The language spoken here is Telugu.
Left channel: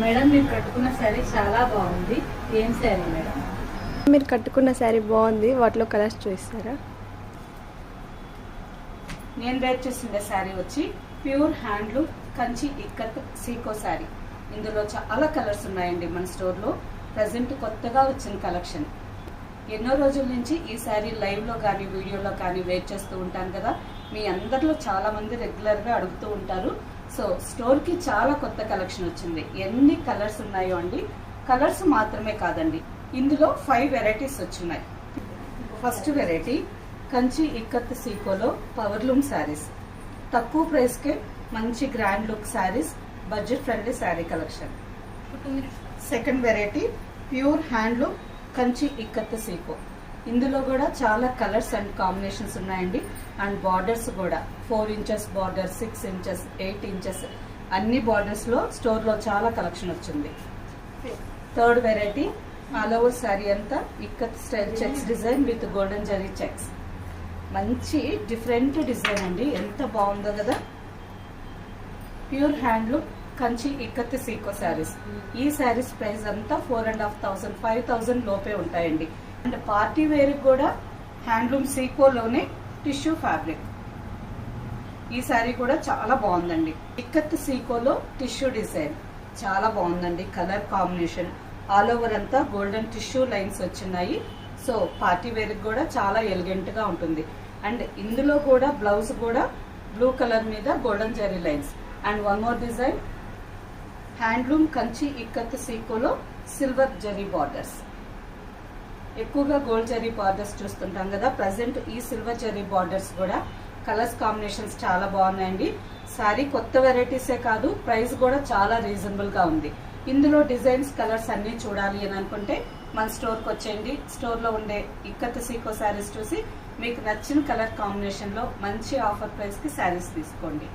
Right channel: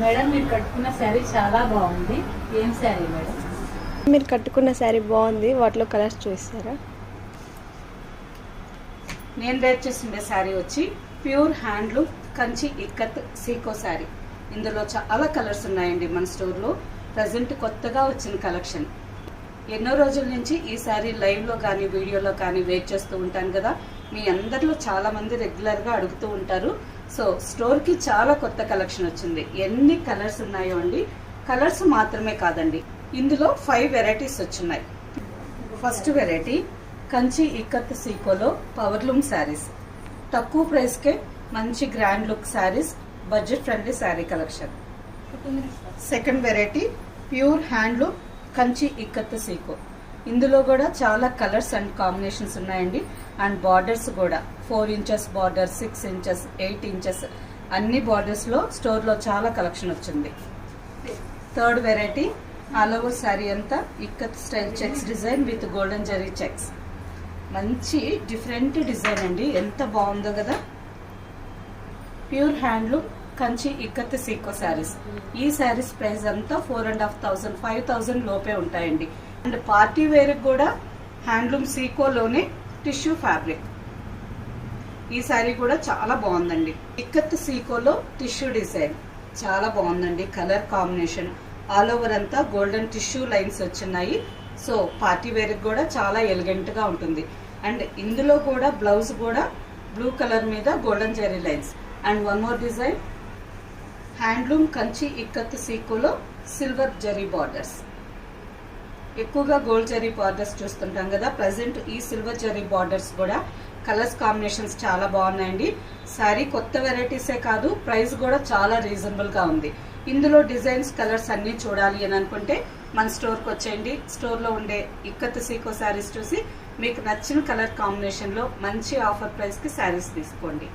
మేడం మీరు కట్టుకున్న శారీ చాలా బాగుంది. ఏం శారీ మేడం? మీరు కట్టుకున్న శారీ బాగుంది, వాటిలో కలర్స్ చూస్తారా? నేను వేర్ చేసిన శారీ వచ్చి ప్యూర్ హ్యాండ్లూమ్ కంచి ఇక్కత్ సీకో శారీ. ఇందులో చాలా కలర్స్ ఉన్నాయండి మన స్టోర్లో. ప్రజెంట్ కొత్తగా వచ్చిన కలెక్షన్. ఎన్నో రోజుల నుంచి ఈ శారీ లైవ్లో కానీ వీడియోలో కానీ వెయిట్ చేస్తూ ఉంటాను కదా. మీ అందరిలో చాలా మంది రెగ్యులర్గా అడుగుతూ ఉంటారు. సో స్టోర్కి చాలా కొత్త కలెక్షన్ వచ్చింది. ఎన్ని కలర్స్ ఉన్నాయో అండి. కలర్స్ మాత్రమే కాదండి, ఇందులో 5 వెరైటీస్ వచ్చున్నాయి. ఫస్ట్ వెరైటీ కంచి ఇక్కత్ సీకోలో పవర్లూమ్ శారీస్. తక్కువ ప్రైస్కే మంచి grand look saris, budget friendly sari collection. Second variety pure handloom Kanchi ikkat సీకో. ఇందులో కూడా చాలా కలర్స్ అండ్ కాంబినేషన్స్ ఉన్నాయండి. అండ్ బార్డర్స్ కూడా 4 ఇంచెస్ బార్డర్, 6 ఇంచెస్, 8 ఇంచెస్ అన్ని బార్డర్స్లో స్టోర్లో చాలా కలెక్షన్ వచ్చింది. Third variety all over sari అంతా ikkat style checks design with golden zari checks. మంచి డిఫరెంట్ డిజైన్ అండి, ఎంత బాగుందో కదా. ప్యూర్ హ్యాండ్లూమ్ కంచి ఇక్కత్ సీకో శారీస్. ఈ శారీస్ ప్రైస్ అంతా 4,500, 5,000 లోపే ఉంటాయండి. అండ్ పార్టీ వేర్ కూడా హ్యాండ్లూమ్ సీకోలోనే టిష్యూ ఫ్యాబ్రిక్. ఈ శారీ కూడా చాలా బాగుందండి. ఇక్కత్ సీకోలో టిష్యూ డిజైన్ చాలా బాగుందండి. కలర్ కాంబినేషన్ ఆల్ ఓవర్ అంతా గోల్డెన్ టిష్యూ లైన్స్ వచ్చినాయి. సో పార్టీ వేర్ కూడా చాలా ఎలిగెంట్ గా ఉంటుంది. అండ్ ఇందులో కూడా బ్లౌజ్ కూడా బ్లూ కలర్ మీద golden zari lines. And one more design handloom Kanchi ikkat సీకోలో సిల్వర్ జెరీ బార్డర్స్. ఎక్కువగా గోల్డ్ జెరీ బార్డర్స్ చూస్తుంటాం కదా. ప్రజెంట్ ఈ సిల్వర్ జెరీ బార్డర్స్ కూడా కలర్స్ కాంబినేషన్స్ చాలా బాగున్నాయండి. శారీ కొత్త వెరైటీసే కాదు, ప్రైస్ కూడా చాలా రీజనబుల్ గా ఉంది. ఇందులో డిజైన్స్, కలర్స్ అన్ని చూడాలి అని అనుకుంటే మన స్టోర్కి వచ్చేయండి. స్టోర్లో ఉండే ఇక్కత్ సీకో శారీస్ చూసి మీకు నచ్చిన కలర్ కాంబినేషన్లో మంచి ఆఫర్ ప్రైస్కి శారీస్ తీసుకోండి.